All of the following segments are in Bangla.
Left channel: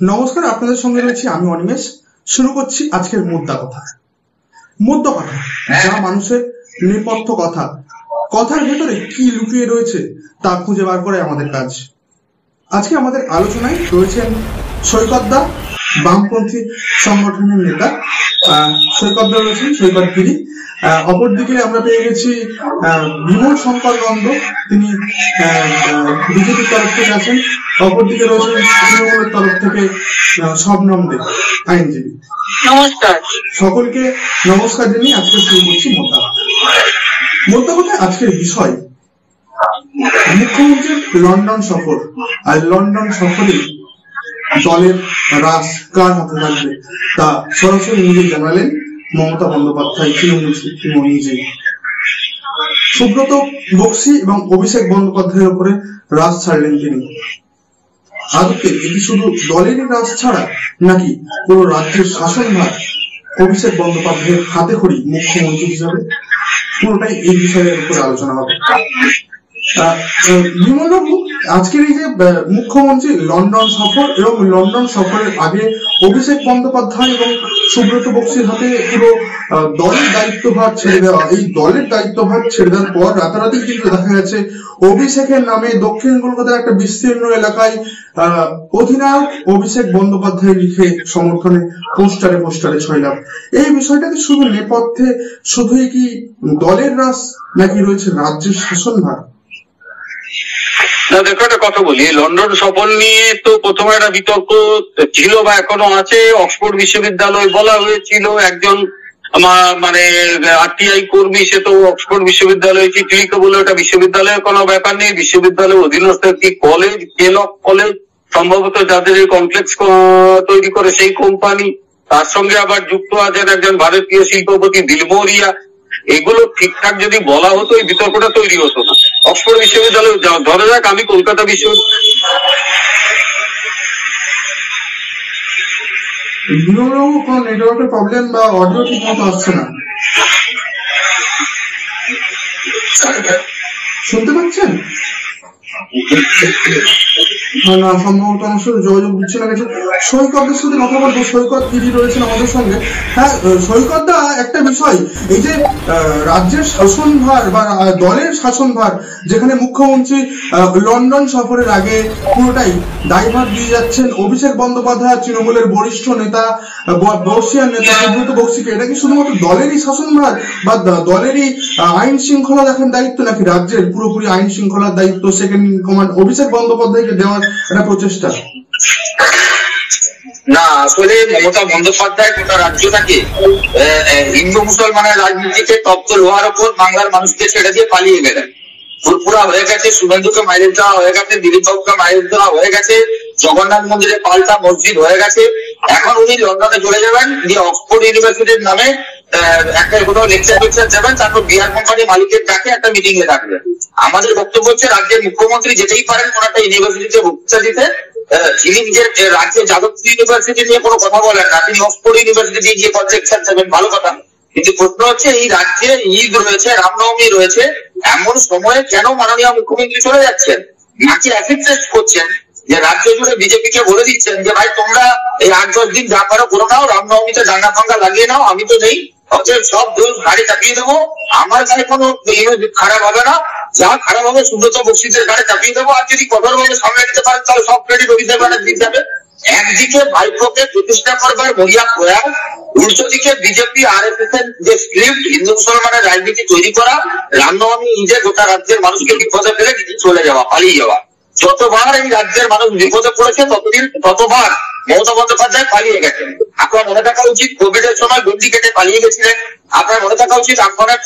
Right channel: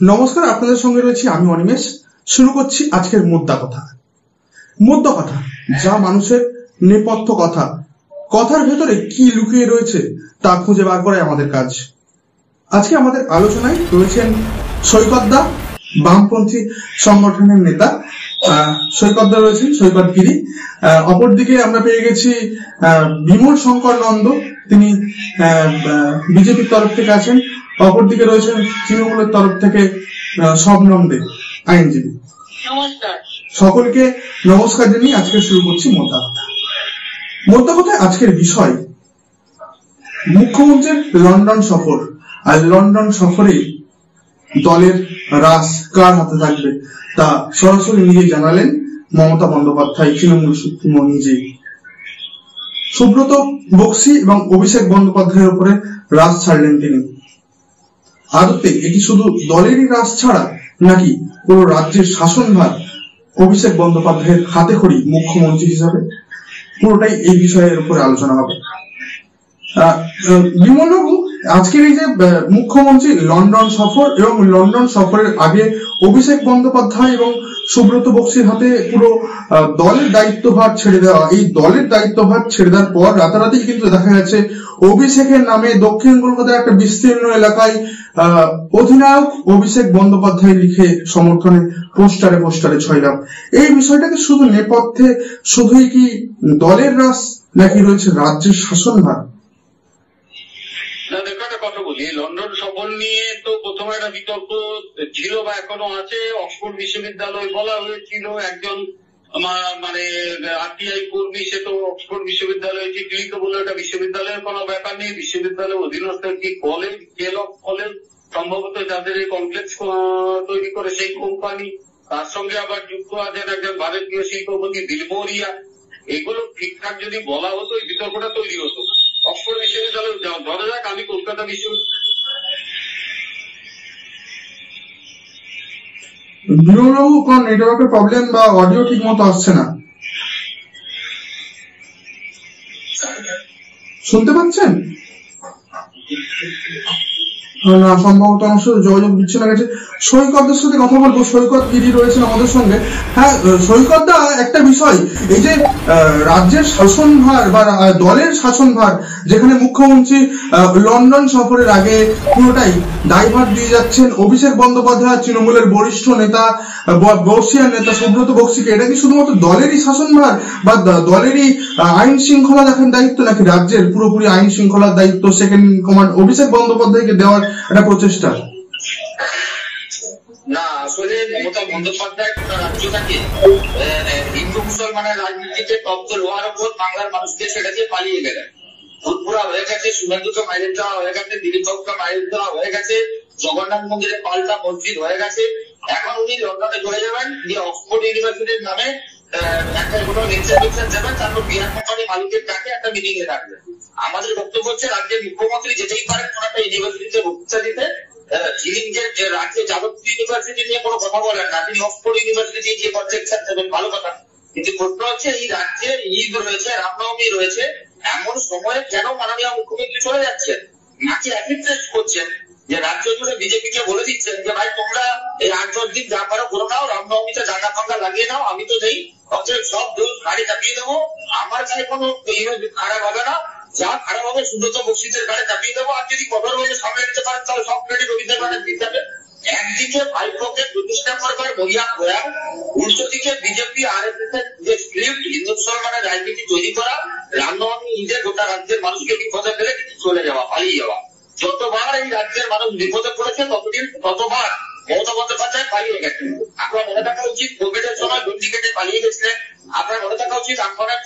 নমস্কার, আপনাদের সঙ্গে রয়েছি আমি অনিমেষ। শুরু করছি আজকের মোদ্দা কথা। মোদ্দা কথা, যা মানুষের নেপথ্য কথা, কথার ভেতরে কি লুকিয়ে রয়েছে তা খুঁজে বার করাই আমাদের কাজ। আজকে আমাদের আলোচনায় রয়েছেন সৈকতদা, বামপন্থী সংগঠনের নেতা। সৈকতদা রয়েছেন, সৈকত গিরি। অপরদিকে আমরা পেয়ে গেছি বিমল শঙ্কর নন্দ, তিনি বিজেপির তরফ থেকে আছেন। অপরদিকে রয়েছেন তৃণমূলের তরফ থেকে শবনম দে, আইনজীবী। নমস্কার সকলকে নমস্কার জানিয়ে আজকে শুরু করছি মোদ্দা কথা। মোদ্দা কথায় আজকের বিষয় মুখ্যমন্ত্রীর লন্ডন সফর। আর লন্ডন সফরে দলের রাস কার হাতে থাকবে তা সরাসরি নিজে জানালেন মমতা বন্দ্যোপাধ্যায়, তৃণমূল সুপ্রিমো নিজে। সুব্রত বক্সি এবং অভিষেক বন্দ্যোপাধ্যায়ের উপরে রাস ছাড়লেন তিনি। আদতে এটি শুধু দলেরই রাস ছাড়া নাকি পুরো রাজ্যের শাসনভার অভিষেক বন্দ্যোপাধ্যায়ের হাতে খড়ি মুখ্যমন্ত্রী হিসাবে? পুরোটাই এই বিষয়ের উপরে আলোচনা হবে। বিমলবাবু, আজকের এই যে মুখ্যমন্ত্রী লন্ডন সফর এবং লন্ডন সফরের আগে অভিষেক বন্দ্যোপাধ্যায় এবং সুব্রত বক্সির হাতে পুরো দলের দায়িত্বভার ছেড়ে দেওয়া, এই দলের দায়িত্বভার ছেড়ে দেওয়ার পর রাতারাতি কিন্তু দেখা গেছে অভিষেকের নামে দক্ষিণ কলকাতার একটা বিস্তীর্ণ এলাকায় অধিনায়ক অভিষেক বন্দ্যোপাধ্যায় লিখে সমর্থনে পোস্টারে ছয়লাম। এই বিষয়টাকে শুধু নেপথ্যে শুধুই কি দলের রাস নাকি রয়েছে রাজ্যের শাসনভার? না, দেখো একটা কথা বলি, লন্ডন সফর নিয়ে তো প্রথমে একটা বিতর্ক ছিল বা এখনো আছে। অক্সফোর্ড বিশ্ববিদ্যালয় বলা হয়েছিল, একজন মানে আরটিআই কর্মী, সে তো অক্সফোর্ড বিশ্ববিদ্যালয়ে চিঠি লিখে বলে ওটা বিশ্ববিদ্যালয়ের কোনো ব্যাপার নেই, বিশ্ববিদ্যালয়ের অধীনস্থ একটি কলেজ, কেলক কলেজ, সম্ভবত যাদের এই কমপ্লেক্স তৈরি করে সেই কোম্পানি, তার সঙ্গে আবার যুক্ত আছেন একজন ভারতীয় শিল্পপতি দিলমোরিয়া। এগুলো ঠিকঠাক যদি বলা হতো এই বিতর্কটা তৈরি হতো না। অক্সফোর্ড বিশ্ববিদ্যালয় ধরে যাক, আমি কলকাতা নেটওয়ার্কের প্রবলেম বা অডিও ঠিক মতো আসছে না, শুনতে পাচ্ছেন না? সম্ভবত আমার সাথে যোগাযোগ দিচ্ছে না গেছে। সৈকতদের সাথে কথা বলবো, সৈকত গিরি রয়েছেন আমাদের সঙ্গে। হ্যাঁ সৈকতদা, একটা বিষয়, এই যে রাজ্যের শাসনভার বা দলের শাসনভার, যেখানে মুখ্যমন্ত্রী লন্ডন সফরের আগে পুরোটাই দায়ভার দিয়ে যাচ্ছেন অভিষেক বন্দ্যোপাধ্যায়, তৃণমূলের বরিষ্ঠ নেতা, বর্ষিয়ার নেতা সুব্রত বক্সিকে, এটা কি শুধুমাত্র দলেরই শাসনভার বা দলেরই আইন শৃঙ্খলা দেখার দায়িত্ব, নাকি রাজ্যের পুরোপুরি আইন শৃঙ্খলার দায়িত্ব সেকেন্ড কমান্ড অভিষেক বন্দ্যোপাধ্যায়কে দেওয়ার একটা প্রচেষ্টা? না, আসলে মমতা বন্দ্যোপাধ্যায় গোটা রাজ্যটাকে হিন্দু মুসলমানের রাজনীতিতে তপ্ত লোহার ওপর বাংলার মানুষকে ছেড়ে দিয়ে পালিয়ে গেলেন। ফুরফুরা হয়ে গেছে, শুভেন্দুকে মাইরেজ দেওয়া হয়ে গেছে, দিলীপ বাবুকে মাইরেজ দেওয়া হয়ে গেছে, জগন্নাথ মন্দিরে পাল্টা মসজিদ হয়ে গেছে। এখন উনি লন্ডনে চলে যাবেন, দিয়ে অক্সফোর্ড ইউনিভার্সিটির নামে একটা কোনো লেকচার যাবেন, তারপর বিহার কোম্পানি মালিকের ডাকে একটা মিটিং এ ডাকবেন। আমাদের বক্তব্য হচ্ছে, রাজ্যের মুখ্যমন্ত্রী যেতেই পারেন কোন একটা ইউনিভার্সিটিতে বক্তৃতা দিতে। তিনি নিজের রাজ্যে যাদবপুর ইউনিভার্সিটি নিয়ে কোনো কথা বলেন না, তিনি অক্সফোর্ড ইউনিভার্সিটি গিয়ে লেকচার দেবেন, ভালো কথা। কিন্তু প্রশ্ন হচ্ছে, এই রাজ্যে ঈদ রয়েছে, রামনবমী রয়েছে, এমন সময়ে কেন মাননীয় মুখ্যমন্ত্রী চলে যাচ্ছেন? নাকি অ্যাসিড টেস্ট করছেন যে রাজ্য জুড়ে বিজেপিকে বলে দিচ্ছেন যে ভাই তোমরা এই 8-10 দিন যা পারো করে নাও, রামনবমীতে ডাঙ্গা ফাঙ্গা লাগিয়ে নাও, আমি তো নেই, অতএব সব দোষ গাড়ি চাপিয়ে দেবো, আমার গাড়ি কোনো খারাপ হবে না, যা খারাপ হবে সুব্রত বক্সিদের গাড়ি চাপিয়ে দেবো, আর যদি কঠোর ভাবে সামনে নিতে পারেন তাহলে সব ক্রেডিট অভিষেক ব্যানার্জি যাবে। একদিকে ভাইপোকে প্রতিষ্ঠা করবার মরিয়া প্রয়াস, উল্টো দিকে বিজেপি আরএসএস এর যে স্ক্রিপ্ট হিন্দু মুসলমানের রাজনীতি তৈরি করা, রামনবমী নিজে গোটা রাজ্যের মানুষকে বিপদে ফেলে চলে যাওয়া, পালিয়ে যাওয়া। যতবার এই রাজ্যের মানুষ বিপদে পড়েছে ততবার মমতা বন্দ্যোপাধ্যায় পালিয়ে গেছেন। আপনার মনে থাকা উচিত, কোভিড এর সময় গন্ডি কেটে পালিয়ে গেছিলেন। আপনার মনে থাকা উচিত, আপনার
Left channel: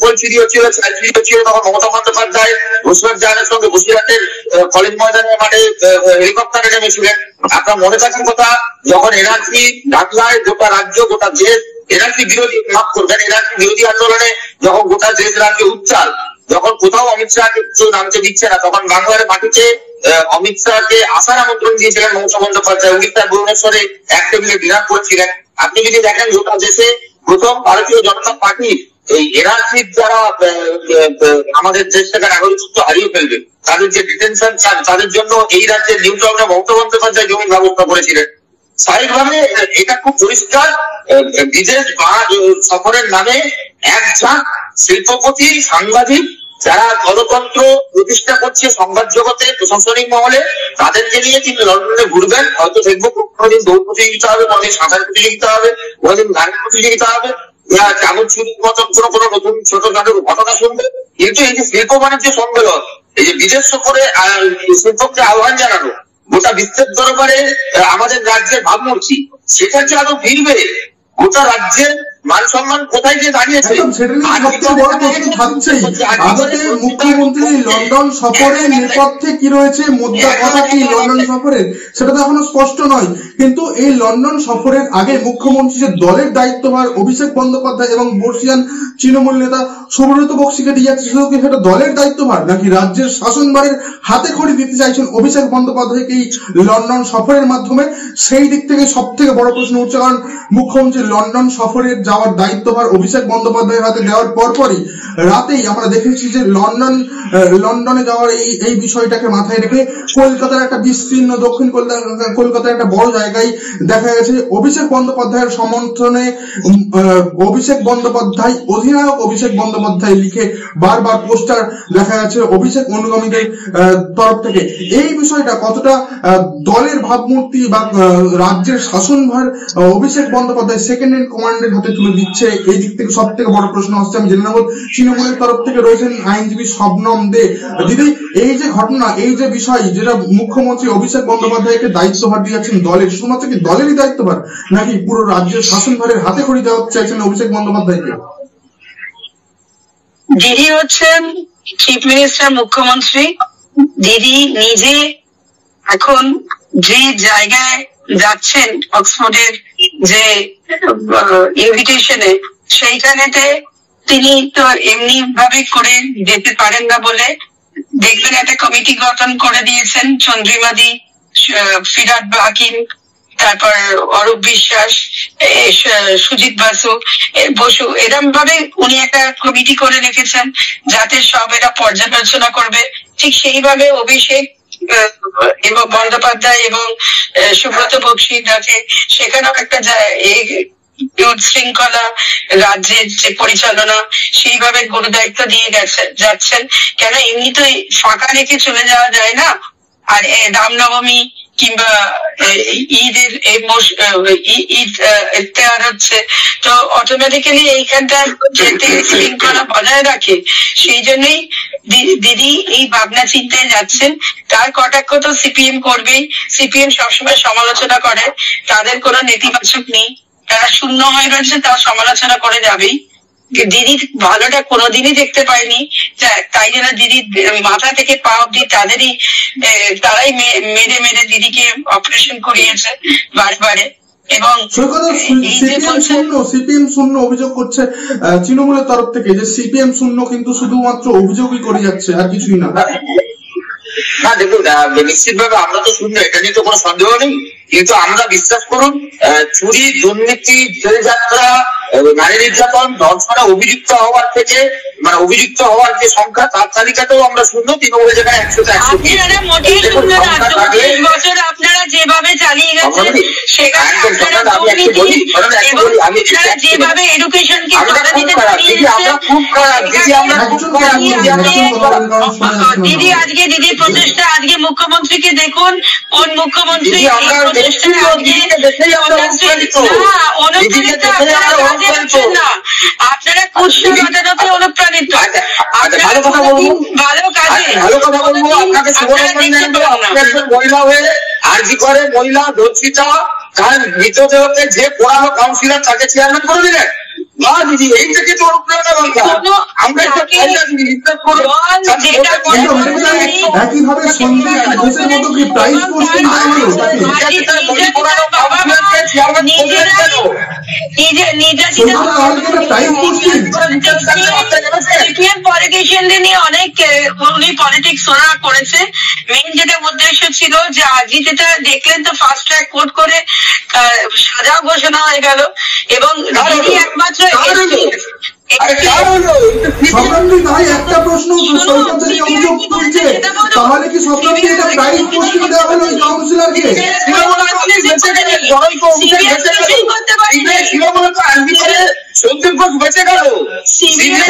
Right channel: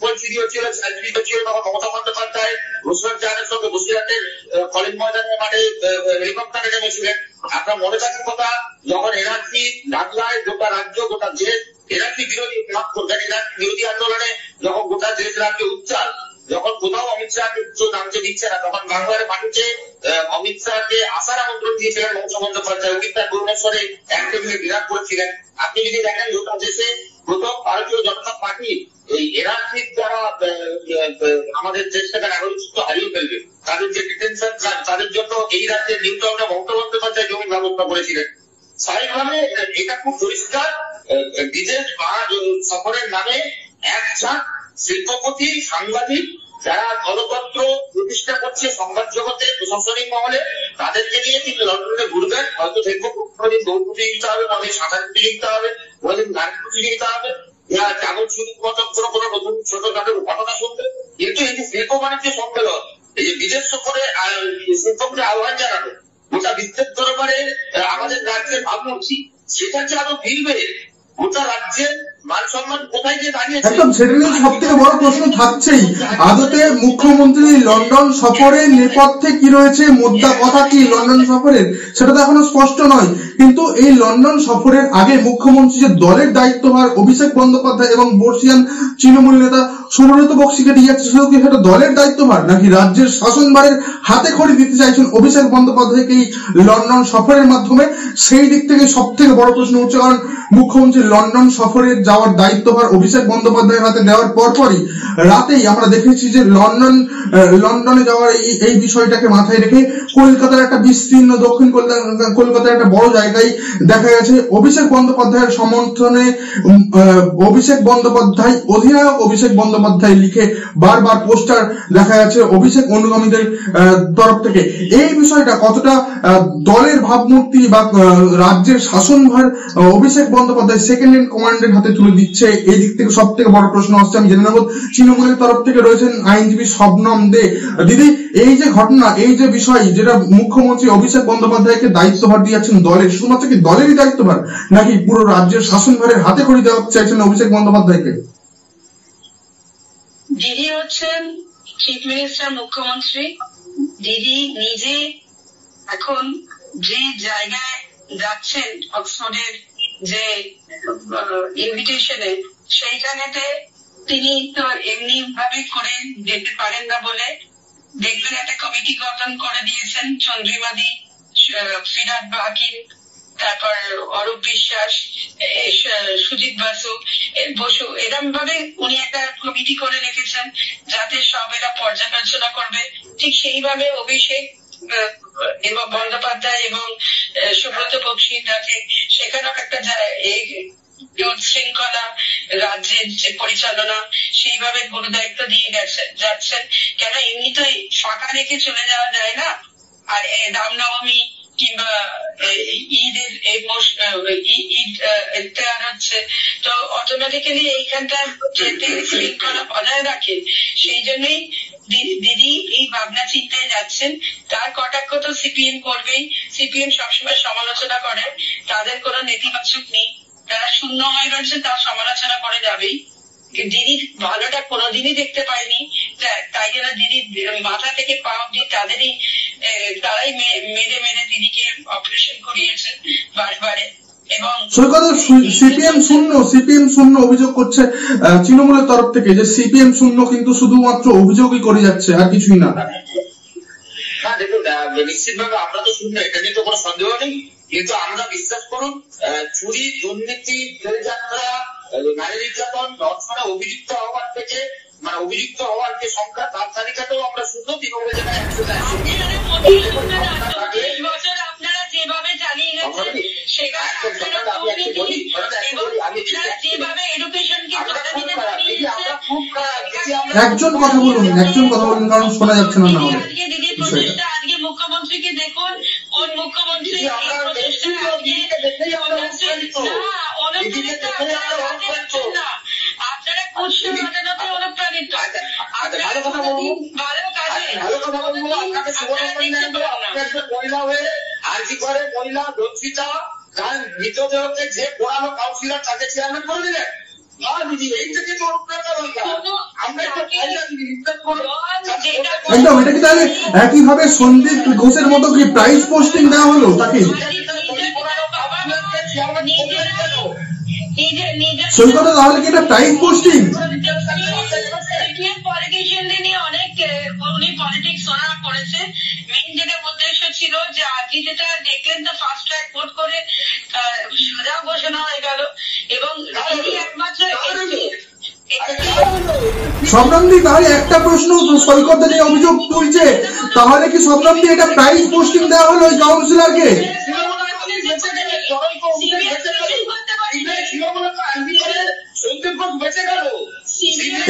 ফল চুরি হচ্ছিল, চাল চুরি হচ্ছিল, তখন মমতা বন্দ্যোপাধ্যায় ঘোষণার জাহানের সঙ্গে বসিরহাটের কলেজ ময়দানের মাঠে হেলিকপ্টারে নেমেছিলেন। আপনার মনে থাকার কথা, যখন এনআরসি ডাকলায় গোটা রাজ্য গোটা দেশ এনআরসি বিরোধী, মাফ করবেন, এনআরসি বিরোধী আন্দোলনে যখন গোটা দেশ রাজ্যে উচ্চাল, যখন কোথাও অমিত শাহকে নামতে দিচ্ছে না, তখন বাংলার মাটিতে অমিত শাহকে আসার আমন্ত্রণ দিয়েছিলেন মমতা বন্দ্যোপাধ্যায়। উড়িষ্যার ভুবনেশ্বরে এক টেবিলে ডিনার করেছিলেন। আপনি যদি দেখেন গোটা দেশে প্রথম ভারতীয় জনতা পার্টি এই এনআরসির দ্বারা আমাদের দেশ থেকে নাগরিকত্ব হারিয়ে ফেলবে, তাদের যে ডিটেনশন, তাদের জন্য এই রাজ্যের নিউ টাউনে মমতা বন্দ্যোপাধ্যায় জমির ব্যবস্থা করেছিলেন। স্বাভাবিকভাবে এটা খুব পরিষ্কার, বিদেশ সফরের নামে এক ঝাঁক শিল্পপতি, সাংবাদিক, যারা গণতন্ত্র প্রতিষ্ঠা করছে সংবাদ জগতে, প্রশাসনিক মহলে, তাদেরকে নিয়ে তিনি লন্ডনে ঘুরবেন। হয়তো দেখবো কোনোদিন দৌড় প্রতিযোগিতা হবে, কোনোদিন সাঁতার প্রতিযোগিতা হবে, কোনোদিন গানের প্রতিযোগিতা হবে, চামচ চুরির মতন কোনো নতুন ছোটখাটো ঘটনা শুনবে। কিন্তু এই যে শিল্প বাণিজ্য সম্মেলন, এই যে বিদেশ সফরে শিল্পকে আহ্বান জানানো, গোটা বিশ্বের দরবারে আমাদের রাজ্যের ভাবমূর্তি, সেটা কি আরো ফিরবে? গোটা রাজ্যের মান সম্মান কোথায় গিয়ে দাঁড়িয়েছে? সেটা নিয়ে সবচেয়ে বড় প্রশ্ন থাকছেই। আদতে মুখ্যমন্ত্রী লন্ডন সফরের নেপথ্যে কি রয়েছে, মোদ্দা কথা কি লন্ডন সফরের, সেটা তো এখনো স্পষ্ট নয়। কিন্তু এই লন্ডন সফরের আগে মুখ্যমন্ত্রী যে দলের দায়িত্বভার অভিষেক বন্দ্যোপাধ্যায় এবং বর্ষিয়ান তৃণমূল নেতা সুব্রত বক্সিকে দিয়ে যাচ্ছে, শুধু কি সেটা দলের দায়িত্বভার, নাকি রাজ্যের শাসনভারের হাতে খড়ি দিতে চাইছেন অভিষেক বন্দ্যোপাধ্যায়কে এই লন্ডন সফরের মাধ্যমে? সেই দিক থেকে সব থেকে বড় প্রশ্ন উঠছে। কারণ মুখ্যমন্ত্রী লন্ডন সফরের যাওয়ার দায়িত্বভার অভিষেক বন্দ্যোপাধ্যায়ের হাতে দেওয়ার পরপরই রাতেই আমরা দেখেছি যে লন্ডনে যাওয়ার এই বিষয়টাকে মাথায় রেখে কলকাতার একটা বিস্তীর্ণ দক্ষিণ কলকাতার একটা বড় জায়গায় দেখা গেছে অভিষেক বন্দ্যোপাধ্যায়ের সমর্থনে অভিষেক বন্দ্যোপাধ্যায়, অধিনায়ক অভিষেক বন্দ্যোপাধ্যায় লিখে বারবার পোস্টার দেখা যাচ্ছে অভিষেক অনুগামীদের তরফ থেকে। এই বিষয়টা কতটা দলের ভাবমূর্তি বা রাজ্যের শাসনভার অভিষেক বন্দ্যোপাধ্যায় সেকেন্ড ইন কমান্ডের হাতে তুলে দিচ্ছে, এই দিক থেকে সব থেকে বড় প্রশ্ন আসছে। আমি জেনে নেব তৃণমূলের তরফ থেকে রয়েছেন আইনজীবী শবনম দে। দিদি, এই যে ঘটনা, এই যে বিষয়, যেটা মুখ্যমন্ত্রী অভিষেক বন্দ্যোপাধ্যায়কে দায়িত্বভার দিয়ে যাচ্ছেন দলের, শুধুমাত্র কি দলেরই দায়িত্বভার, নাকি পুরো রাজ্যের শাসনভারের হাতে খড়ি দেওয়া চাইছেন অভিষেক বন্দ্যোপাধ্যায়কে? দিদি হচ্ছেন চিফ মিনিস্টার, মুখ্যমন্ত্রী। দিদি নিজে এখন যে জায়গায় যাচ্ছেন, অক্সফোর্ডের যে ইনভিটেশনে, সেইখানেতে তিনি তো এমনি ভাবে করে যেতে পারেন না বলে দেখবেন একটা কমিটি গঠন করে দিয়েছেন। চন্দ্রিমাদি, ফিরাদ হাকিম, তারপর অরূপ বিশ্বাস, সুজিত বসু, এরম ভাবে উনি একটা কমিটি করে রেখেছেন যাতে সব এরা পর্যালোচনা করবে। ঠিক সেইভাবে অভিষেক এবং বন্দ্যোপাধ্যায় এবং সুব্রত বক্সি আছে, সেখানেও একটা শৃঙ্খলা রাজ্যের যে পরিচালনা, সেইভাবে গুরু দায়িত্ব দিয়ে যাচ্ছেন। কেন এমনি তো ফাঁকা রেখে চলে যাওয়া যায় না। আর রামনবমী কিংবা ঈদের ঈদ হচ্ছে, তো অটোমেটিক্যালি এইখানটা শৃঙ্খলা বজায় রাখে। সেই জন্যই দিদি এই ভাবনা চিন্তায় যাচ্ছেন। তার কটাক্ষ তো সিপিএম করবেই, সিপিএম সবসময় সমালোচনা করে, তাদের কোনো নেতিবাচক নেই, তারা শূন্য হয়ে রয়েছে, তার সমালোচনা করে যাবেই। দিদি ভালোটা কোনোদিনই দেখতে পায়নি, তাই জন্য দিদি মাথা থেকে পা অব্দি তারাই মেরে মেরে দিদিকে অপারেশন করিয়েছে বারে। এবং সিপিএম শূন্য অভিযোগ করছে তৃণমূলের তরফ থেকে, যে সিপিএম শূন্য কিন্তু শুধুমাত্র অভিযোগই করে যাচ্ছে, আর কিছুই না। না দেখুন, নিশ্চিতভাবে আমরা তো শূন্য, এটা নিয়ে তো কোনো সন্দেহ নেই। কিন্তু আমরা বিশ্বাস করুন, চুরি, দুর্নীতি, জেলযাত্রা, নারী নির্যাতন, ধর্ষণে অভিযুক্ত হওয়ার থেকে, মানে অভিযুক্ত হওয়ার যে সংখ্যা, তার তালিকাতেও আমরা শূন্য। তৃণমূলের জায়গায় 100-তে 100। আপনারা যেভাবে চালিয়ে গেছেন, যেভাবে এডুকেশনকে দিদি আজকে দিদি প্রচেষ্টা, আজকে মুখ্যমন্ত্রীকে দেখুন, কোন মুখ্যমন্ত্রী আপনারা কুৎসাতে অনুপ্রাণিত। ভালো কাজে মহিলা হয়ে আরজি করে মহিলা ধর্ষিতা, তার মৃতদেহকে যে পোড়ানো কাউন্সিলর, তাকে চেয়ারম্যান করে দিলেন। দিদি এই থেকে তো একইভাবে সন্দীপ ঘোষের মতো কি প্রাইজ পোস্টিং দেওয়া হলো তাকে? পলিটিশিয়ানদের নিয়ে অনেক উনি পলিটিক্স ওরা করেছে। মেইন যেটা উদ্দেশ্য ছিল যে আজকে যেটা দেখলেন, তো ফাস্ট ট্র্যাক কোর্ট করে সাজা ঘোষণা হয়ে গেল। এবং দিদি একমাত্র শবনমদি ভাই একটা প্রশ্ন, সৈকত নিয়ে অভিযোগ তুলছে, তাহলে কি শবনমদি এটা প্রাইজ পোস্টিং দেওয়া হলো ওই কাউন্সিলরকে?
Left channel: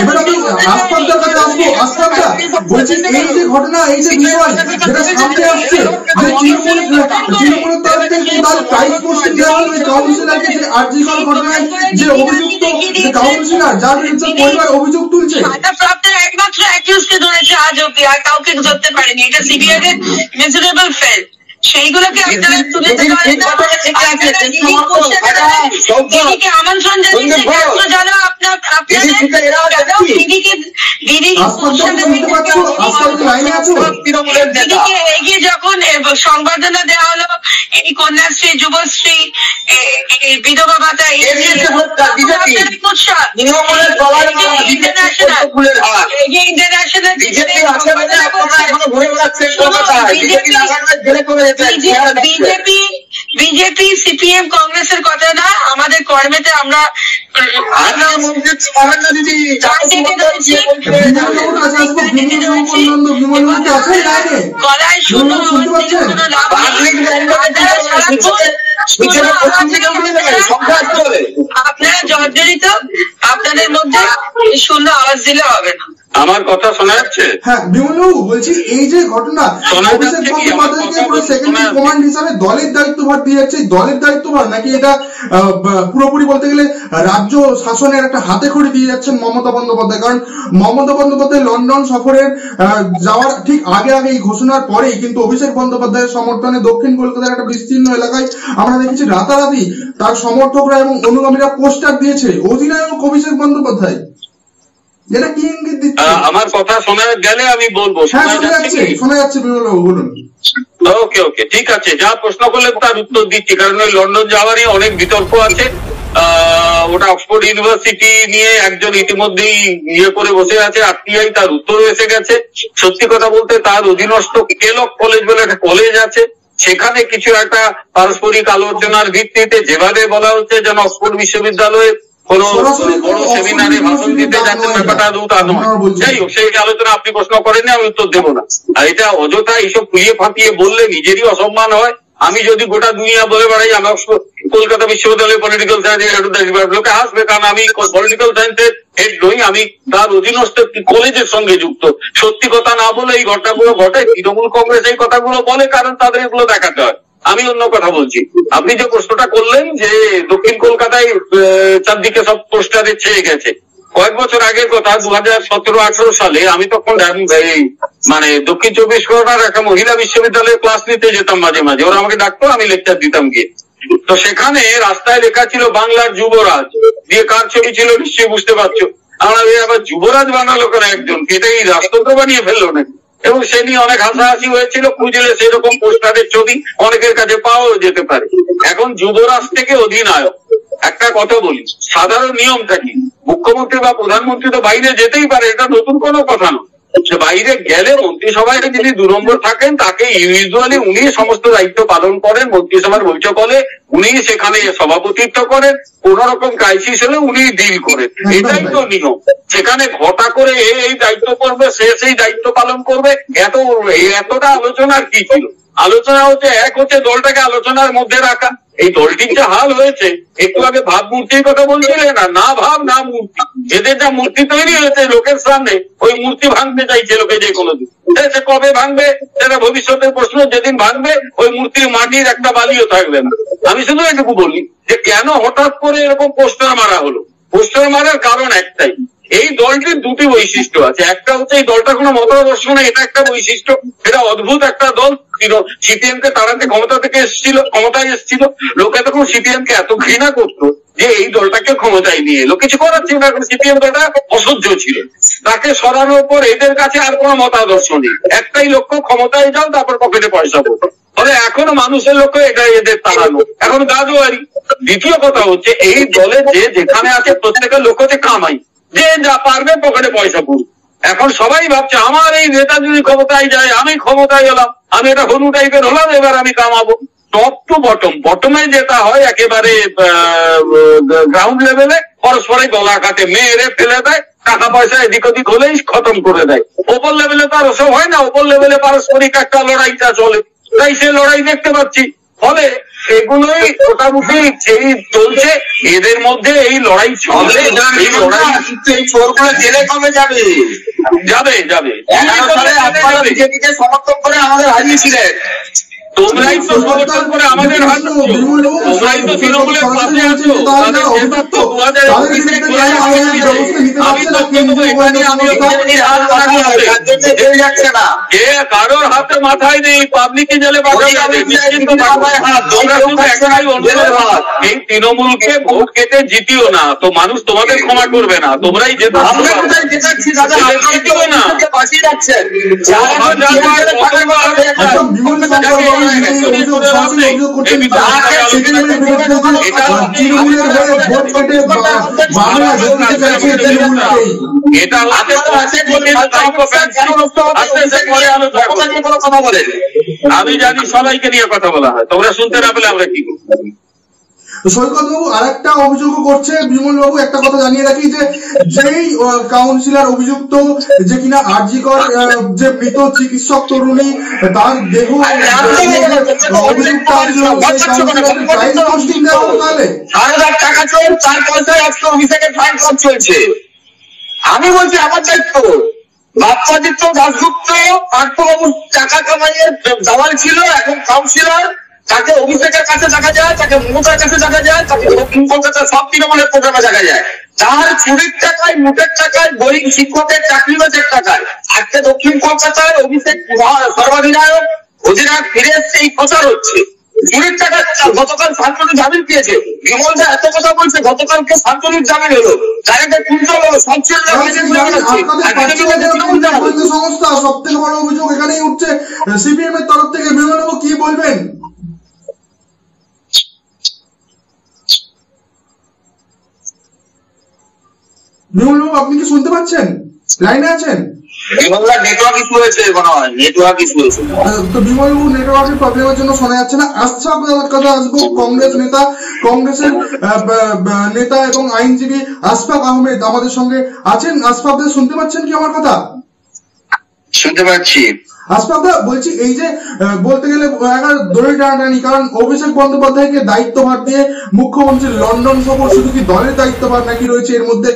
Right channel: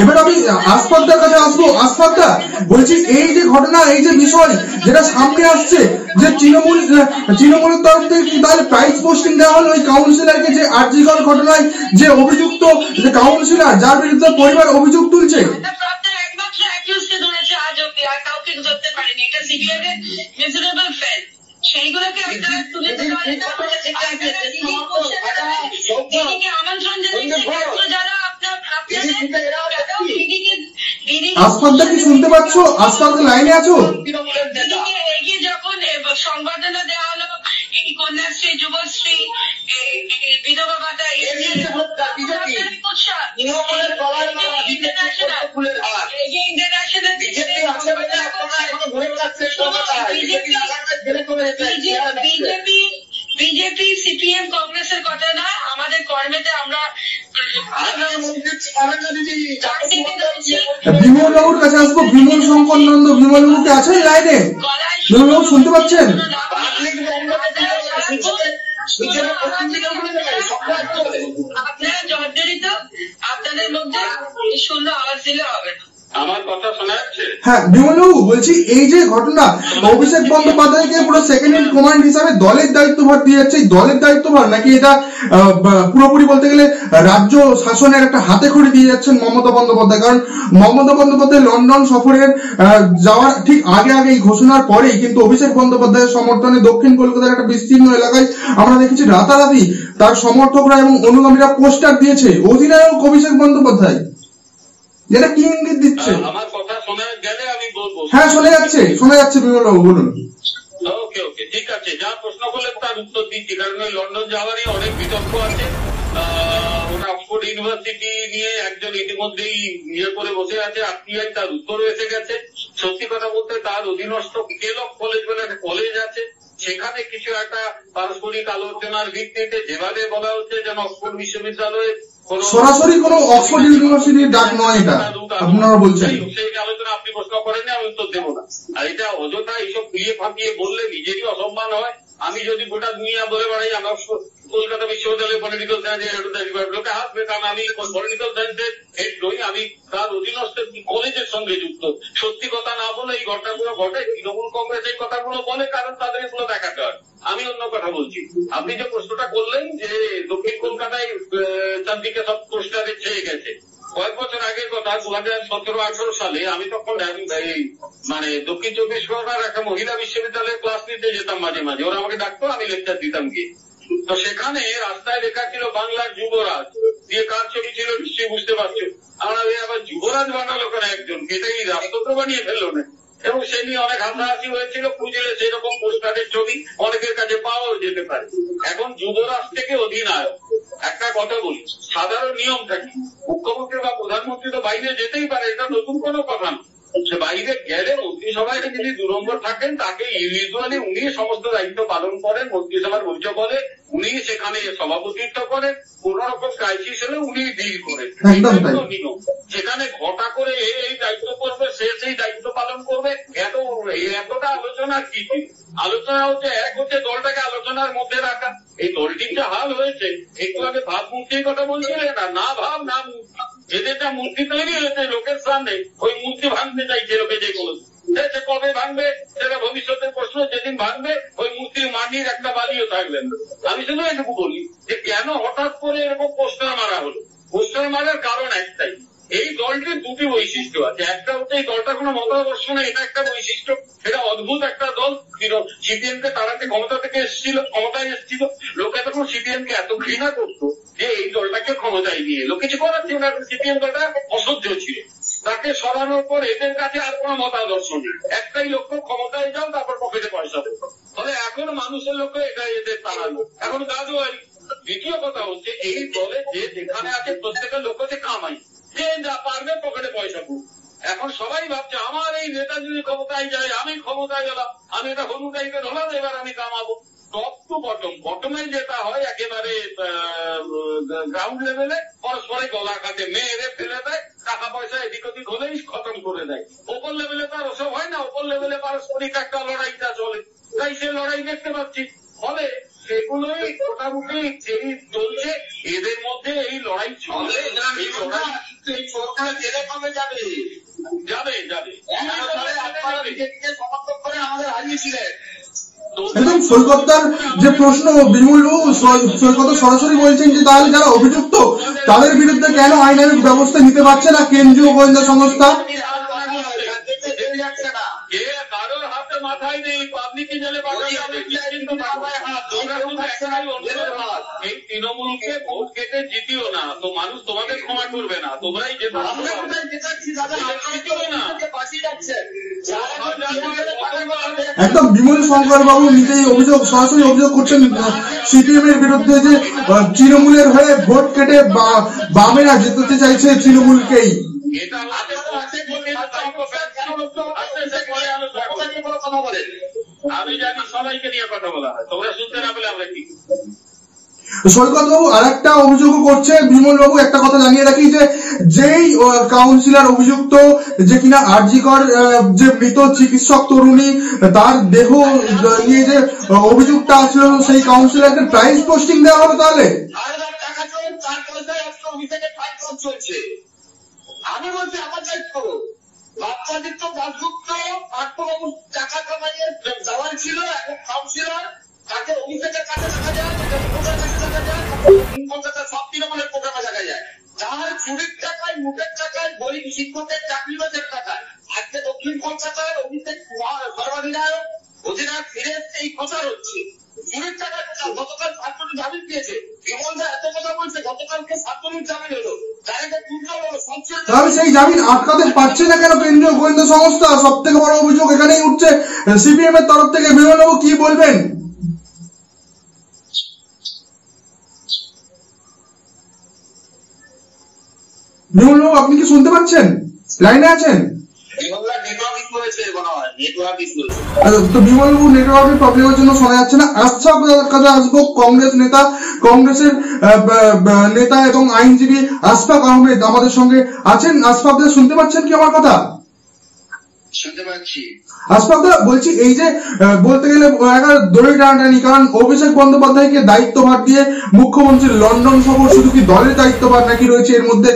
এবার আমি আশফাকদার কাছে আসবো। আশফাকদা, বলছি এই যে ঘটনা, এই যে বিষয় যেটা সামনে আসছে, যে তৃণমূলের তরফ থেকে তাহলে প্রাইজ পোস্টিং দেওয়া হলো ওই কাউন্সিলরকে, যে আরজিকর ঘটনায় যে অভিযুক্ত কাউন্সিলর, যার বিরুদ্ধে পরিবার অভিযোগ তুলছে। একমাত্র অ্যাকিউজকে ধরেছে আজ অব্দি, আর কাউকে ধরতে পারেনি। এটা সিবিআই এর মেজারেবল ফেল, সেইগুলোকে আপনারা তুলে ধরতে পারেন না। দিদিকে আমন্ত্রণ জানিয়েছে যারা শুনতে পাচ্ছ? আশফাকদা লাইনে আছো? দিদিকে এগিয়ে যখন সংবর্ধনা দেওয়া হলো, এই কন্যাশ্রী, যুবশ্রী, বিধবা ভাতা, বিজেপি, সিপিএম, কংগ্রেসের কথা না, আমাদের কর্মেতে আমরা শুনতে পাচ্ছেন? আপনারা জর্জরিত, আপনাদের মধ্যে শূন্য আওয়াজ দিলে হবে না। আমার কথা শোনা যাচ্ছে? হ্যাঁ বিমলবাবু, বলছি এই যে ঘটনা, অভিষেক বন্দ্যোপাধ্যায়কে পুরো সেকেন্ড ইন কমান্ড হিসাবে দলের দায়িত্বভার দিয়ে যাচ্ছে, দলের দায়িত্বভার নাকি এটা পুরোপুরি বলতে গেলে রাজ্য শাসনের একটা হাতে খড়ি দিয়ে যাচ্ছেন মমতা বন্দ্যোপাধ্যায়? কারণ মমতা বন্দ্যোপাধ্যায় লন্ডন সফরের যাওয়ার ঠিক আগে এই ঘোষণার পরেই কিন্তু অভিষেক বন্দ্যোপাধ্যায়ের সমর্থনে দক্ষিণ কলকাতার একটা বিস্তীর্ণ এলাকায় আমরা দেখেছি রাতারাতি তার সমর্থকরা এবং অনুগামীরা পোস্টার দিয়েছে অধিনায়ক অভিষেক বন্দ্যোপাধ্যায়। যেটা কি ইঙ্গিত দিচ্ছে? আমার কথা শোনা গেলে আমি বলবো। হ্যাঁ শোনা যাচ্ছে বিমলবাবু, বলুন। ওকে, ঠিক আছে, যা প্রশ্ন করলেন তার উত্তর দিচ্ছি। কারণ ওই লন্ডন যাওয়ারই অনেক বিতর্ক আছে। ওটা অক্সফোর্ড ইউনিভার্সিটি নিয়ে একজন ইতিমধ্যেই ইয়ে করে বসে আছে, আরটিআই তার উত্তর এসে গেছে। সত্যি কথা বলতে তার অধীনস্থ কেলক কলেজ বলে একটা কলেজ আছে, সেখানে কিছু একটা পারস্পরিক আলোচনার ভিত্তিতে যেভাবে বলা হচ্ছে যেন অক্সফোর্ড বিশ্ববিদ্যালয়ে সেই আলোচনা আপনি প্রশ্ন করেননি, আমি উত্তর দেবো না। আর এটা অযথা এইসব ফুলিয়ে ফাঁপিয়ে বললে নিজেরই অসম্মান হয়। আমি যদি গোটা দুনিয়া বলে বেড়াই আমি কলকাতা বিশ্ববিদ্যালয়ে পলিটিক্যাল সায়েন্সের হেড অফ দ্য লোকে হাসবে, কারণ আমি পলিটিক্যাল সায়েন্সের হেড নই, আমি তার অধীনস্থ একটি কলেজের সঙ্গে যুক্ত। সত্যি কথা না বলে এই ঘটনাগুলো ঘটে, তৃণমূল কংগ্রেস এই কথাগুলো বলে কারণ তাদের এগুলো দেখাতে হয়। আমি অন্য কথা বলছি। আপনি যে প্রশ্নটা করলেন যে দক্ষিণ কলকাতায় চারদিকে সব পোস্টারে ছেয়ে গেছে, কয়েক বছর আগের কথা, 2017-18 সালে আমি তখন মানে দক্ষিণ 24 পরগনার একটা মহিলা বিশ্ববিদ্যালয়ে ক্লাস নিতে যেতাম মাঝে মাঝে, ওরা আমাকে ডাকতো, আমি লেকচার দিতাম গিয়ে। তো সেখানে রাস্তায় লেখা ছিল বাংলার যুবরাজ, দিয়ে কার ছবি ছিল নিশ্চয়ই বুঝতে পারছো। আমরা আবার যুবরাজ বানালো কেন একজন, এটাই রাষ্ট্রকে বানিয়ে ফেললো নাকি? এবং সে নিয়ে অনেক হাসাহাসি হয়েছিল, খুঁজলে সেরকম পোস্টারের ছবি অনেকের কাছে পাওয়া যেতে পারে। এখন যুবরাজ থেকে অধিনায়ক, একটা কথা বলি, সাধারণ নিয়মটা কি? মুখ্যমন্ত্রী বা প্রধানমন্ত্রী তো বাইরে যেতেই পারে, এটা নতুন কোনো কথা নয়। বাইরে গেলে মন্ত্রিসভায় যিনি 2 নম্বর থাকেন তাকে ইউজুয়ালি উনি সমস্ত দায়িত্ব পালন করেন, মন্ত্রিসভার বৈঠক হলে উনি সেখানে সভাপতিত্ব করেন, কোন রকম ক্রাইসিস হলে উনি ডিল করেন, এটাই তো নিয়ম। সেখানে ঘটা করে এই দায়িত্ব করবে, সে সেই দায়িত্ব পালন করবে, এতটা আলোচনার কি ছিল? আলোচনা হচ্ছে এক হচ্ছে দলটাকে আলোচনার মধ্যে রাখা। এই দলটির যে হাল হয়েছে, একটু আগে ভাবমূর্তির কথা বলছিলেন না ভাব না মূর্তি, এদের যা মূর্তি তৈরি হয়েছে লোকের সামনে, ওই মূর্তি ভাঙতে চাইছে লোকে যে কোনো দিন। সে কবে ভাঙবে সেটা ভবিষ্যতের প্রশ্ন, যেদিন ভাঙবে ওই মূর্তির মাটির একটা বালিও থাকবে না। আমি শুধু এটুকু বলি যে কেন হঠাৎ করে এরকম পোস্টার মারা হলো। পোস্টার মারার কারণ একটাই, এই দলটির দুটি বৈশিষ্ট্য আছে। একটা হচ্ছে এই দলটার কোনো মতাদর্শ নেই, এটা একটা বৈশিষ্ট্য, এটা অদ্ভুত একটা দল। সিপিএম কে তাড়াতে ক্ষমতায় এসেছিল, লোক এতক্ষণ সিপিএম কে এত ঘৃণা করতো যে এই দলটাকে ক্ষমতায় নিয়ে এলো, কিছু করার ছিল না, সিপিএম দলটা অসহ্য ছিল। তাকে সরানোর পর এদের কাছে আর কোনো মতাদর্শ নেই, একটাই লক্ষ্য, ক্ষমতায় যাও তারপর পকেটে পয়সা পড়ো। ফলে এখনো মানুষের লক্ষ্য এটাই এদের তাড়ানো, এখন গাজোয়ারি। দ্বিতীয় কথা হচ্ছে এই দলে যে যেখানে আছে প্রত্যেকের লক্ষ্য হচ্ছে কামাই, যে যা পারবে পকেটে পয়সা পড়বে। এখন সবাই ভাবছে আমার এই নেতা যদি ক্ষমতায় যায়, আমি ক্ষমতায় এলাম, আমি এটা হনু টাইপের হলাম, এবার আমি কামাবো। টপ টু বটমে যেটা হয় একেবারে গ্রাউন্ড লেভেলে, পরস্পরে গলা কাটে, মেয়েরে ফেলে দেয়, টাকা পয়সা এদিক ওদিক হলেই খতম করে দেয়। ওপর লেভেলে তো আর ওসব হয় না, ওপর লেভেলে পারস্পরিক একটা লড়াইটা চলে, তাই সে লড়াই দেখতে পাচ্ছি। ফলে এগুলোই মোটামুটি এই চলছে, এদের মধ্যে এই লড়াই চলে। এই লড়াই এই চোরগুলো জেলে কবে যাবে? যাবে যাবে। 11 সালে আপনারা বিজেপিকে সমর্থন করে আমাদের হারিয়েছিলেন। তোমরাই তো সমর্থন করে আমাদের সরাসরি বলছেন যে তাহলে যারা অভিযুক্ত তাদের বিরুদ্ধে কেন আইনের ব্যবস্থা নিতে পারছে না কেন্দ্রীয় গোয়েন্দা সংস্থা? কে কারোর হাতে মাথায় নেই, পাবলিকে জেলে পাঠাবে। এই তৃণমূলকে ভোট কেটে জিতিও না তো মানুষ তোমাদের ক্ষমা করবে না, তোমরাই যেতে না। বিমল শঙ্কর বাবু নিজেই অভিযোগ সরাসরি অভিযোগ করছেন সিপিএমের বিরুদ্ধে যে তৃণমূলের হয়ে ভোট কেটে বামেরা জিততে চাইছে তৃণমূলকেই। আমি জানি সবাইকে নিয়ে কথা বলা হয়, তোমরা শুনতে না পেলে আমরা কি করবো? সৈকত বাবু আর একটা অভিযোগ করছে বিমল বাবু, একটা কথা জানিয়ে রাখি যে যেই কাউন্সিলর অভিযুক্ত যে কিনা আরজিকর যে মৃত চিকিৎসক তরুণী তার দেহ অভিযুক্ত আসলো, সেই কাউন্সিলরকে ট্রায়াল পোস্টিং দেওয়া হলো। তাহলে টাকা চোর, 4 পয়সায় আজকে অফিসে ট্রায়াল চলছে। আমি বলছি আমার দায়িত্ব, বাপ্পাদিত্য দাশগুপ্ত পার্থবাবু টাকা কামাইয়ে দালাল ছিল, এখন কাউন্সিলর, তাকে অভিষেকের কাছে দেখা যায়, তাকে মমতার কাছে দেখা যায়, তাকে দক্ষিণ কলকাতার সব তৃণমূলের প্রোগ্রামে দেখা যায়। তার চুরির টাকায়, মুঠের টাকায়, গরিব শিক্ষকের চাকরি বাজের টাকায় আজকে দক্ষিণ কলকাতায় অভিষেক সর্বাধিনায়ক অধিনায়ক ফিরে এসছে, এই প্রচার হচ্ছে। চুরির টাকা গতকাল শান্তনু জামিন পেয়েছে, বিমল দা এত কথা বলছে, গতকালকে শান্তনুর জামিন হলো, ডাইরেক্ট কুইন্টাল হলো, সব ছিল আপনাদের পাচ্ছে না কেন কেন্দ্রীয় গোয়েন্দা সংস্থা? সব থেকে বড় অভিযোগ এখানেই উঠছে সিপিএম এর তরফ থেকে। বিমল বাবু কি বলবেন? বিমল বাবু আপনি কি শুনতে পাচ্ছেন? লাইনে আছেন? তো বিমল বাবু নেটওয়ার্কের প্রবলেমের জন্য শোনা যাচ্ছে না। আশফাকের কাছে আসবো, কংগ্রেস নেতা, কংগ্রেসের নেতা এবং আইনজীবী আশফাক আহমেদ আমাদের সঙ্গে আছেন। আশফাক দা শুনতে পাচ্ছেন কি আমার কথা? শুনতে পাচ্ছি। আশফাক দা বলছি, এই যে বলতে গেলে দড়ি টানাটানি, কারণ অভিষেক বন্দ্যোপাধ্যায়কে দায়িত্বভার দিয়ে মুখ্যমন্ত্রীর লন্ডন সফর শুধু কি দলের দায়িত্বভার নাকি রয়েছে এর মধ্যে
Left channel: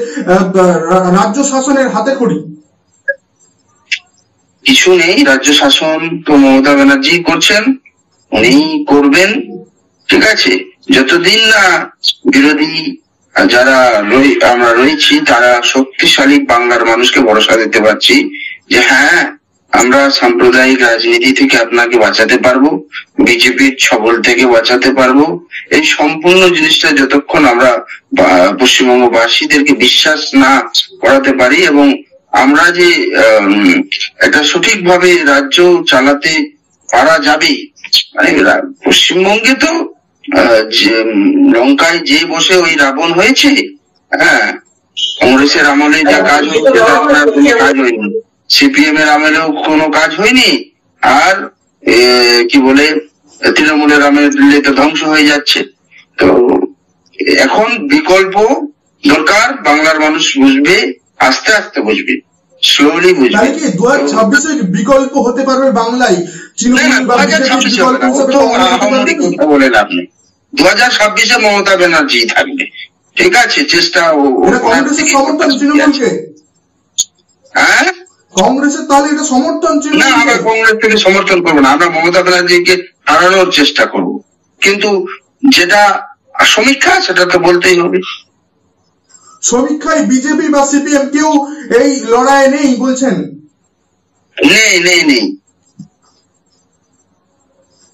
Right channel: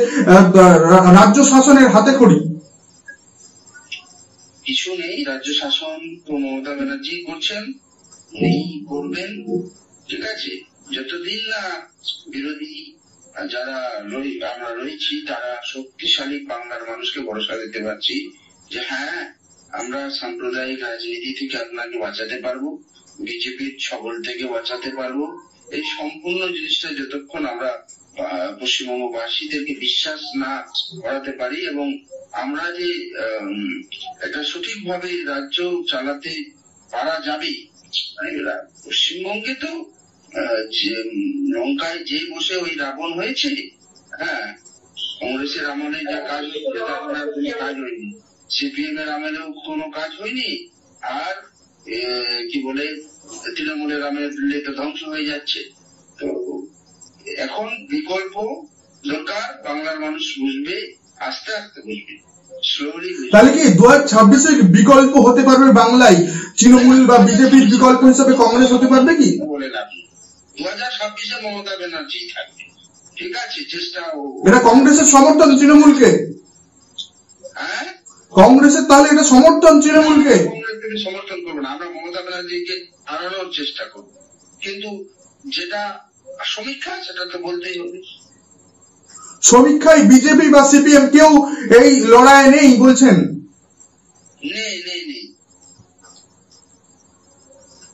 রাজ্য শাসনের হাতে খড়ি? কিছু নেই, রাজ্য শাসন তো মমতা ব্যানার্জি করছেন, উনি করবেন, ঠিক আছে। যতদিন না বিরোধী যারা আমরা রয়েছি তারা শক্তিশালী বাংলার মানুষকে ভরসা দিতে পারছি যে হ্যাঁ আমরা সাম্প্রদায়িক রাজনীতি থেকে আপনাকে বাঁচাতে পারবো, বিজেপির ছবল থেকে বাঁচাতে পারবো, এই সম্পূর্ণ জিনিসটা যতক্ষণ আমরা পশ্চিমবঙ্গবাসীদেরকে বিশ্বাস না করাতে পারি এবং আমরা যে একটা সঠিকভাবে রাজ্য চালাতে পারা যাবে, মানে পশ্চিমবঙ্গে তো লঙ্কায় যে বসে ওই রাবণ হয়েছে, হ্যাঁ, কংগ্রেসের আমলে যা কাজ হয়েছে তার কোনো কাজ হয়নি, সিপিএম এর আমলেও কোনো কাজ হয়নি, আর কি বলে তৃণমূলের আমলে তো ধ্বংস হয়ে যাচ্ছে। তো এখন বিকল্প দরকার, বাংলার মানুষ বুঝবে, আস্তে আস্তে বুঝবে, স্লোলি বুঝবে। তাহলে কি 2026-এ বিকল্প হতে পারবে বাংলায়? তৃণমূল বা বিজেপির বিকল্প হিসেবে কংগ্রেস হতে পারবে কি? বলেন আপনি 2026-এ মমতা ব্যানার্জি থাকবে, ঠিক আছে, চেষ্টা। এটা কংগ্রেসের সমর্থন তৃণমূলকে? হ্যাঁ, কংগ্রেসের তাহলে এটা সমর্থন তৃণমূলকে? কংগ্রেস থেকে সমর্থন করবো না, আমরা মমতা ব্যানার্জিকে হারানোর চেষ্টা করব, কিন্তু যেটা সমীক্ষা সেটা তো বলতেই হবে। সমীক্ষায় বিজেপি বা সিপিএম কেউ এই লড়াইয়ে নেই বলছেন? নেই নেই নেই।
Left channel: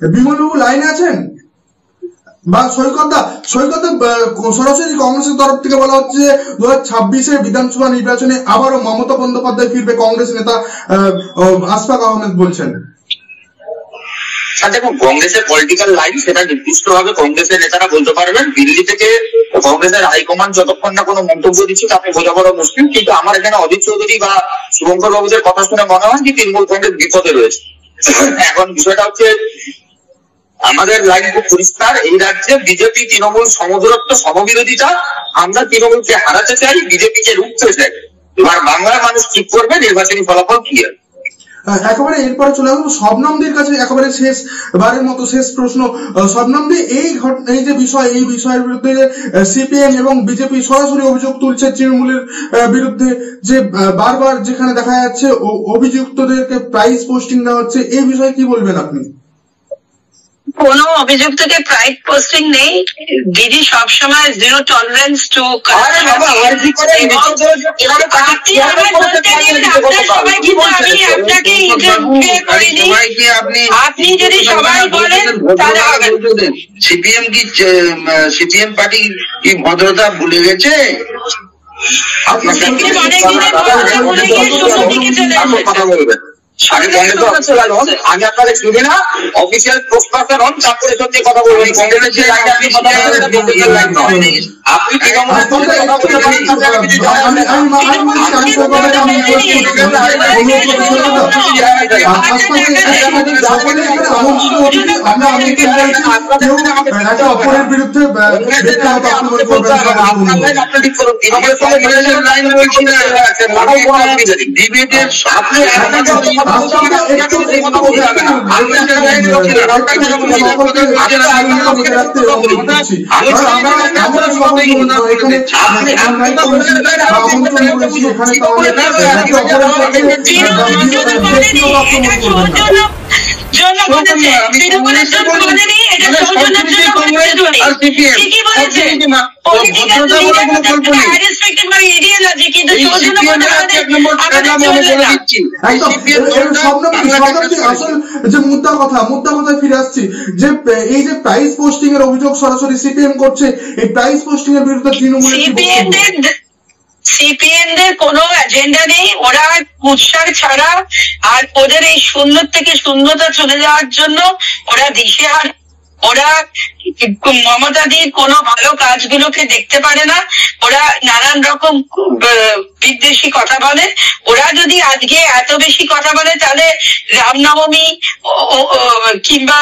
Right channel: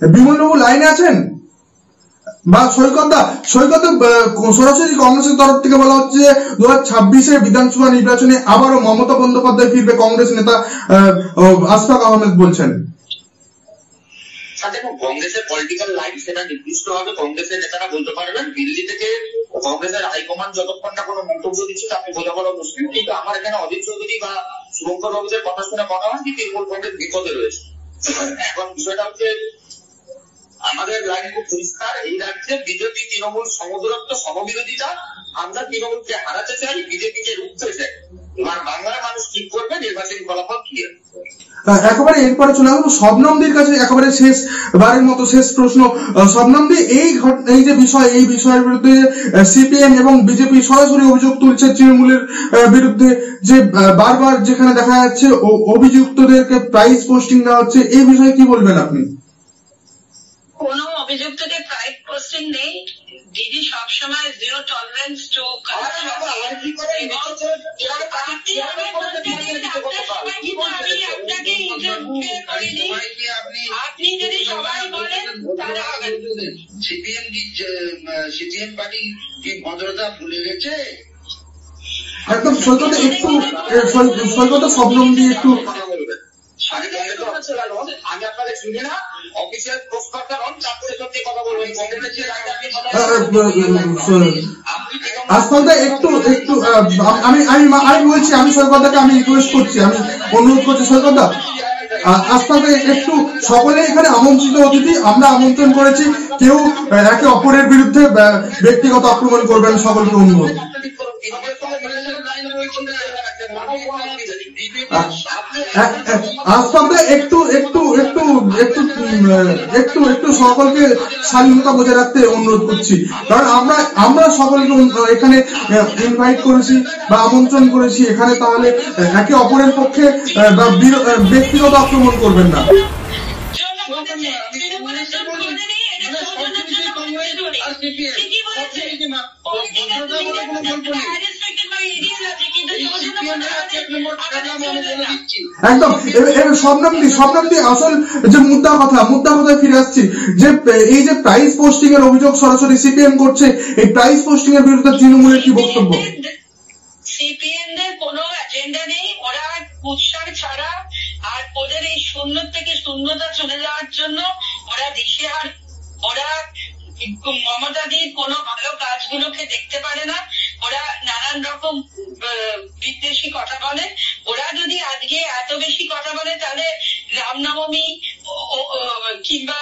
বিমল বাবু লাইনে আছেন? বা সৈকত সরাসরি কংগ্রেসের তরফ থেকে বলা হচ্ছে যে 2026-এর বিধানসভা নির্বাচনে আবারও মমতা বন্দ্যোপাধ্যায় ফিরবে, কংগ্রেস নেতা আশফাক আহমেদ বলছেন। দেখুন, কংগ্রেসের পলিটিক্যাল লাইন সেটা নির্দিষ্ট ভাবে কংগ্রেসের নেতারা বলতে পারবেন। দিল্লি থেকে কংগ্রেসের হাইকমান্ড যতক্ষণ না কোনো মন্তব্য দিচ্ছে তাকে বোঝা বড় মুশকিল। কিন্তু আমার এখানে অজিত চৌধুরী বা শুভঙ্কর বাবুদের কথা শুনে মনে হয় যে তৃণমূল কংগ্রেস বিপদে রয়েছে। এখন বিষয়টা হচ্ছে আমাদের লাইন খুব পরিষ্কার, এই রাজ্যে বিজেপি তৃণমূল সমদূরত্ব সমবিরোধিতা, আমরা তৃণমূলকে হারাতে চাই, বিজেপিকে রুখতে চাই। এবার বাংলার মানুষ ঠিক করবে, নির্বাচনী ফলাফল ক্লিয়ার। একেবারে এরপরে চলে আসবো শবনমদের কাছে, একেবারে শেষ বারের মতো শেষ প্রশ্ন। শবনমদি, এই যে বিষয়, এই বিষয়ের বিরুদ্ধে সিপিএম এবং বিজেপি সরাসরি অভিযোগ তুলছে তৃণমূলের বিরুদ্ধে, যে বারবার যেখানে দেখা যাচ্ছে অভিযুক্তদেরকে প্রাইস পোস্টিং দেওয়া হচ্ছে, এই বিষয়ে কি বলবেন আপনি? কোনো অভিযুক্তকে প্রাইড পোস্টিং নেই দিদি, সবসময় জিরো টলারেন্স টু আপনি যদি সবাই বলেন তাহলে হবে। সিপিএম পার্টি কি ভদ্রতা ভুলে গেছে? কথা বলবেন আমি আপনাদের শুনবে না, অফিসিয়াল প্রস্তাবটা হন, তারপরে সত্যি কথা বলবেন। সকলে এখানে আমন্ত্রিত অতিথি, আমরা আমন্ত্রণ করেছি, কেউ একে অপরের বিরুদ্ধে ব্যক্তিগত আক্রমণ করবেন সকলকে অনুরোধ। একটু সকলকে স্বাধীনতা বজায় রাখতে অনুরোধ করছি, কারণ আমরা সকলকে এখানে ইনভাইট করেছি বা আমন্ত্রণ করেছি এখানে, তাহলে একে অপরের পক্ষে ব্যক্তিগত আক্রমণ করবেন না। আসল যে মুদ্রা কথায় ফিরে আসছি, যে এই যে প্রাইস পোস্টিং এর অভিযোগ সরাসরি সিপিএম করছে, এই প্রাইস পোস্টিং এর বিরুদ্ধে তৃণমূলের কি বক্তব্য? সিপিএম দের কোনো এজেন্ডা নেই, ওরা কুৎসার ছাড়া আর ওদের এই শূন্য থেকে শূন্যতা চলে যাওয়ার জন্য ওরা দিশেহারা। ওরা মমতাদির কোনো ভালো কাজগুলোকে দেখতে পারে না, ওরা নানান রকম বিদ্বেষী কথা বলে। ওরা যদি আজকে এত বেশি কথা বলে তাহলে রামনবমী কিংবা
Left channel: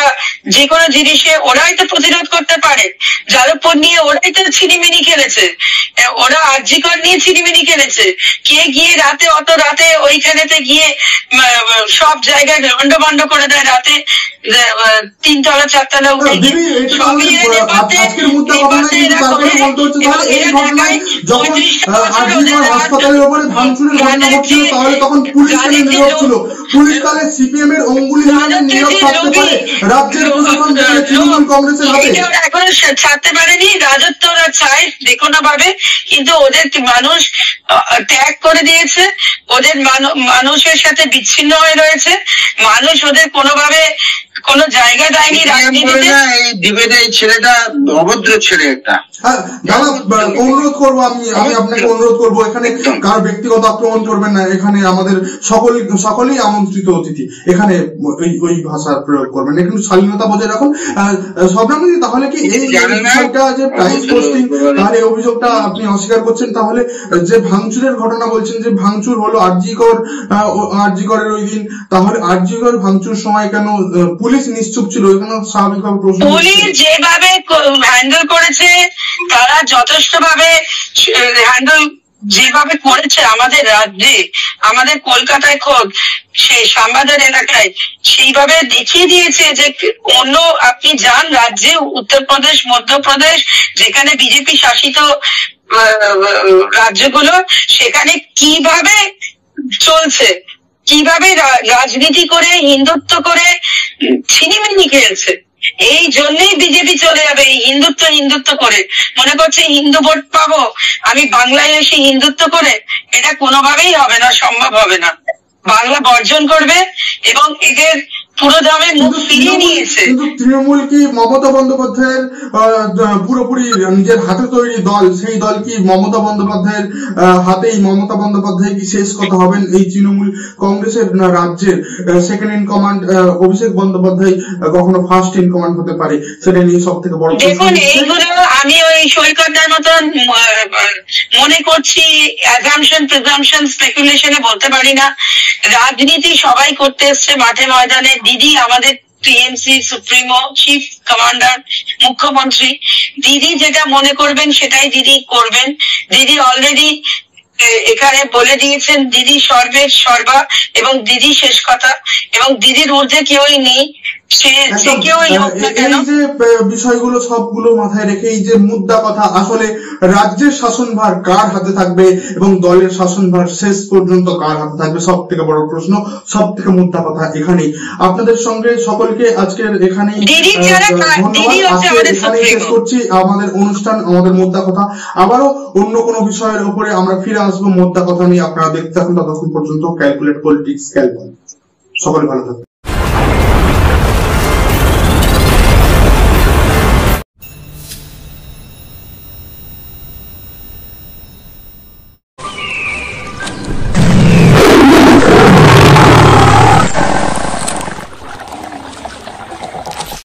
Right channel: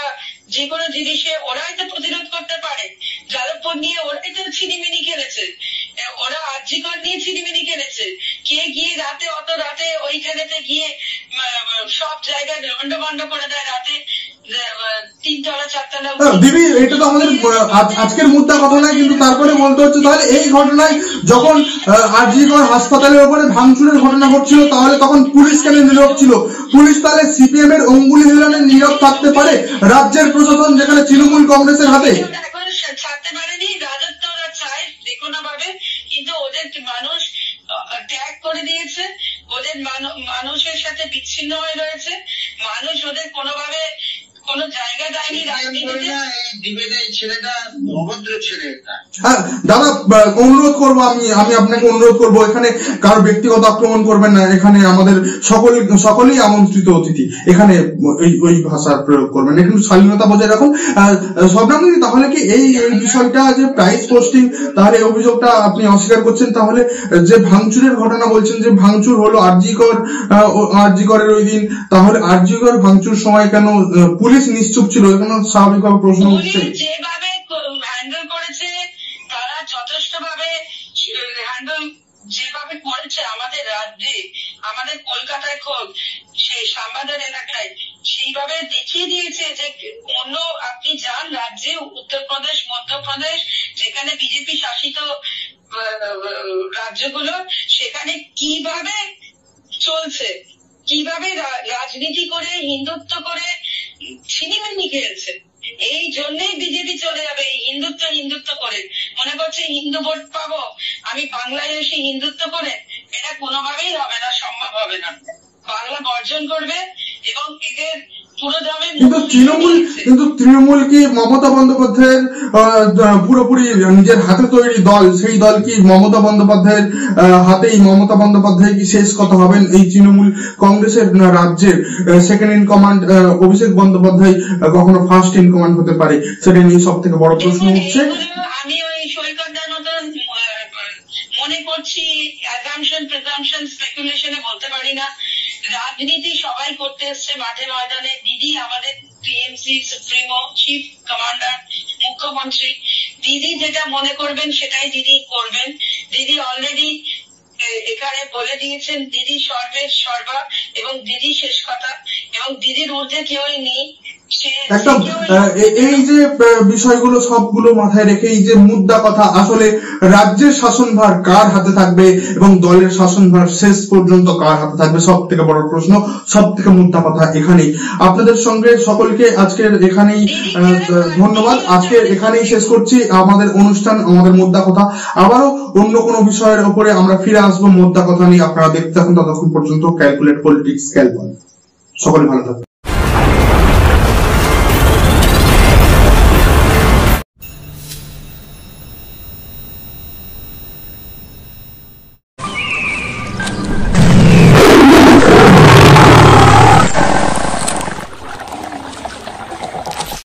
যে কোনো জিনিসে ওরাই তো প্রতিরোধ করতে পারে। যাদবপুর নিয়ে ওরাই তো ছিনিমিনি খেলেছে, ওরা আরজিকর নিয়ে ছিনিমিনি খেলেছে। কে গিয়ে রাতে, অত রাতে ওইখানেতে গিয়ে সব জায়গায় লন্ডভন্ড করে দেয় রাতে, 3 তলা 4 তলা। দিদি, এটা তো আমাদের আজকের মুদ্রা কথা নয়, কিন্তু তারপরে বলতে হচ্ছে, তাহলে এই ঘটনায় যখন আরজিকর হাসপাতালের উপরে ভাঙচুরের ঘটনা ঘটছিল, তাহলে তখন পুলিশ কেন নীরব ছিল? পুলিশ তাহলে সিপিএম এর অঙ্গুলি হিলানে নীরব থাকতে পারে? রাজ্যের প্রশাসন যেখানে তৃণমূল কংগ্রেসের হাতে, এখন ছাড়তে পারেনি। রাজত্ব ওরা চায় যে কোনো ভাবে, কিন্তু ওদের মানুষ ত্যাগ করে দিয়েছে, ওদের মানুষের সাথে বিচ্ছিন্ন হয়ে রয়েছে, মানুষ ওদের কোনোভাবে কোনো জায়গা দেয়নি রাজনীতিতে। এই ছেলেটা অভদ্র ছেলে একটা। দাদা, অনুরোধ করবো, আমি আপনাকে অনুরোধ করবো, এখানে কারো ব্যক্তিগত আক্রমণ করবেন না, এখানে আমাদের সকলেই আমন্ত্রিত অতিথি, এখানে ওই ভাষার প্রয়োগ করবেন, একটু স্বাধীনতা বজায় রাখুন। শবনম দিদি, তাহলে কি এই বিষয়টা যে প্রাইস পোস্টিং, তাহলে এই অভিযোগটা আপনি অস্বীকার করছেন? তাহলে যে ভাঙচুরের ঘটনা বলছেন, যে ভাঙচুর হলো আরজিকরের ওই দিন, তাহলে আরজিকর ভাঙচুর সময় কেন পুলিশ নিশ্চুপ ছিল? এখানে স্বাভাবিকভাবে প্রশ্ন, পুলিশ যেভাবে হ্যান্ডেল করেছে, তারা যথেষ্ট ভাবে হ্যান্ডেল যেভাবে করেছে আমাদের রাজ্যে, আমাদের কলকাতায় খোদ সেই শ্যামবাজার এলাকায়, সেইভাবে দেখিয়ে দিয়েছে যে অন্য আপনি যান রাজ্যে, উত্তরপ্রদেশ, মধ্যপ্রদেশ, যেখানে বিজেপি শাসিত রাজ্যগুলো, সেখানে কিভাবে চলছে, কিভাবে রাজনীতি করে, হিন্দুত্ব করে ছিনিমিনি খেলছে। এই জন্যই বিজেপি চলে যাবে, এই হিন্দুত্ব করে মনে করছে হিন্দু ভোট পাবো আমি বাংলায় এসে হিন্দুত্ব করে। এটা কোনোভাবেই হবে না, সম্ভব হবে না। বাংলা বর্জন করবে এবং এদের পুরো দামে মুখ ফিরিয়ে নিয়েছে। কিন্তু তৃণমূল কি মমতা বন্দ্যোপাধ্যায়ের পুরোপুরি নিজের হাতে তৈরি দল? সেই দল কি মমতা বন্দ্যোপাধ্যায়ের হাতেই? মমতা বন্দ্যোপাধ্যায় কি শেষ কথা হবেন এই তৃণমূল কংগ্রেসের রাজ্যের? Second in command Abhishek Bandyopadhyay কখনো ফার্স্ট ইন কমান্ড হতে পারে? সেটা নিয়ে সব থেকে বড় প্রশ্ন। আমি ওই সৈকতদার মতন মনে করছি, অ্যাজাম্পশন, প্রিজাম্পশন, স্পেকুলেশনে বলতে পারি না। রাজনীতি সবাই করতে এসছে মাঠে ময়দানে। দিদি, আমাদের টিএমসি সুপ্রিমো, চিফ কমান্ডার, মুখ্যমন্ত্রী, দিদি যেটা মনে করবেন সেটাই দিদি করবেন। দিদি অলরেডি এখানে বলে দিয়েছেন দিদি সর্বের সর্বা এবং দিদি শেষ কথা, এবং দিদির ঊর্ধ্বে কেউই নেই। এই যে বিষয়গুলো সবগুলো মাথায় রেখে এই যে মুদ্রা কথা, আসলে রাজ্যের শাসনভার কার হাতে থাকবে এবং দলের শাসনভার শেষ পর্যন্ত কার হাতে থাকবে, সব থেকে বড় প্রশ্ন, সব থেকে মুদ্রা কথা এখানেই। আপনাদের সঙ্গে সকলকে আজকের এখানেই ধন্যবাদ। আজকে এখানেই শেষ করছি আমাদের অনুষ্ঠান, আমাদের মুদ্রা কথা। আবারও অন্য কোনো বিষয়ের উপরে আমরা ফিরে আসবো মুদ্রা কথা নিয়ে। আপনারা দেখতে থাকুন, ততক্ষণ পর্যন্ত ক্যালকুলেট পলিটিক্স ক্যালকুলেট। সকলে ভালো থাকুন।